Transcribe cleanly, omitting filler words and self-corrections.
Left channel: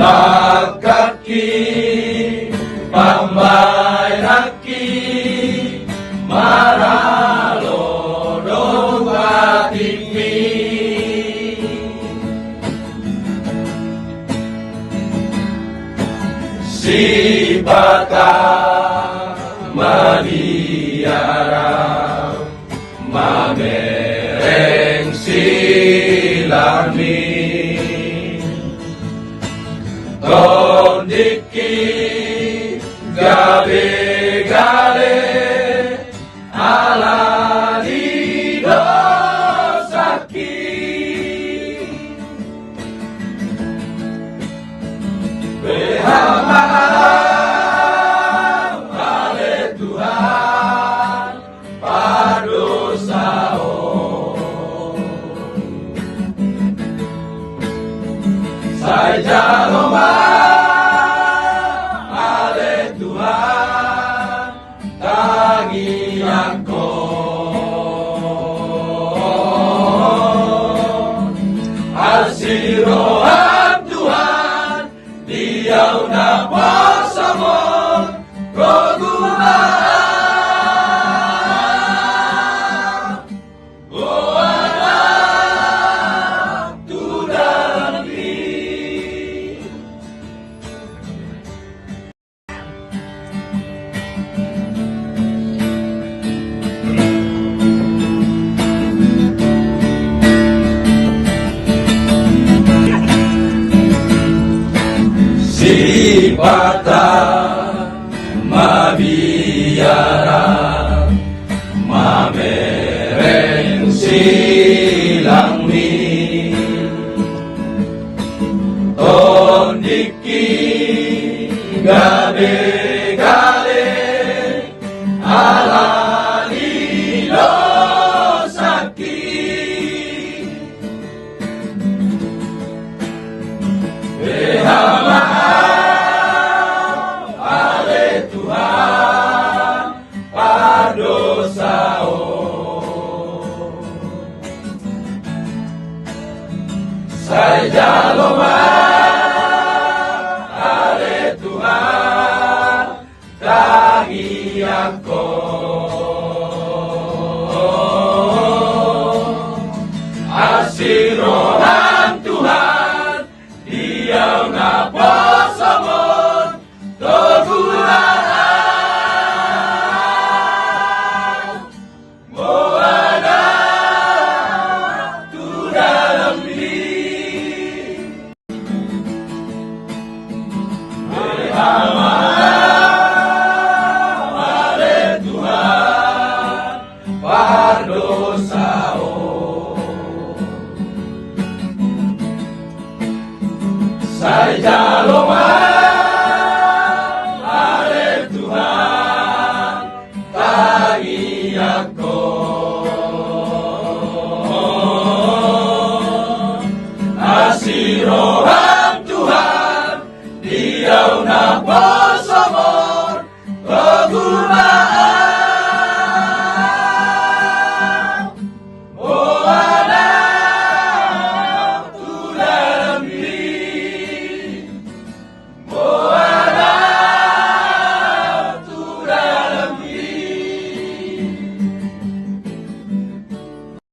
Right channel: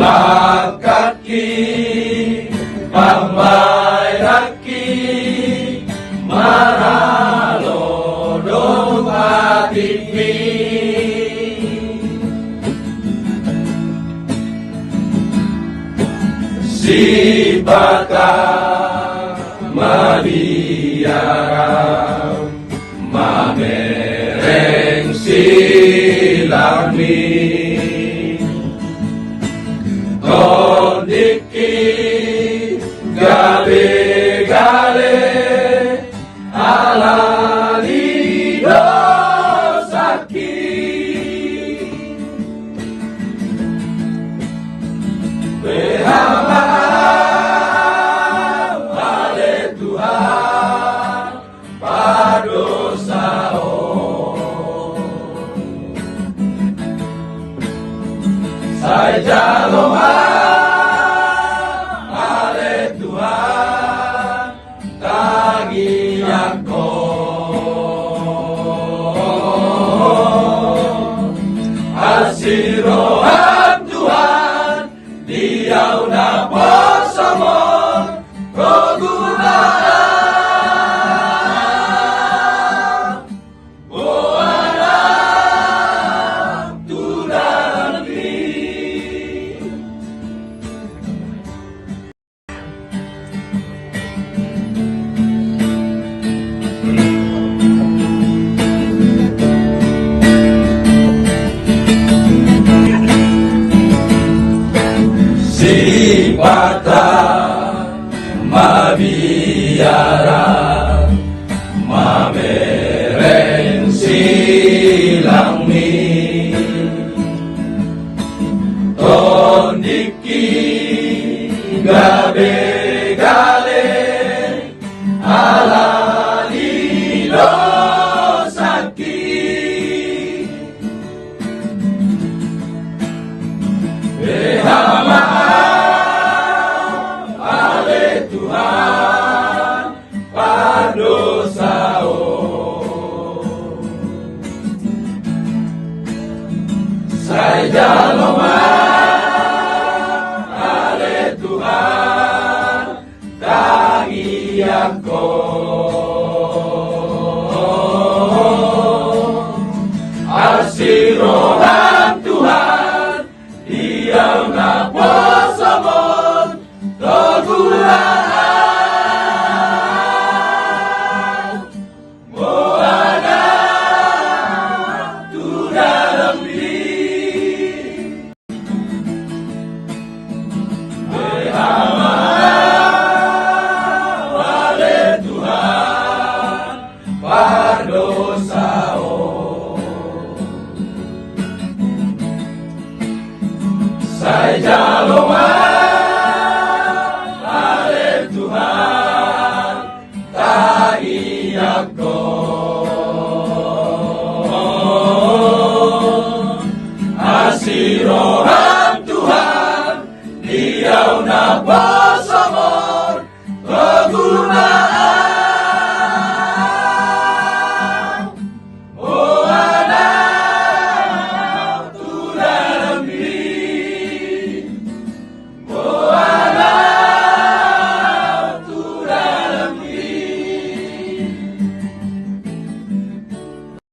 Lakaki pamai haki maralo dompatimi si baka mariara magereng silami tondiki gale-gale ala lido sakit ale Tuhan padosao saya jaloma Asirohan Tuhan, Diau dapat samon pergunakan. Buana tulang negeri. Sipata madiara mamereng silami tondiki gale-gale ala lilo sakit Tuhan padosao saya jaloma ale Tuhan kagianko asiro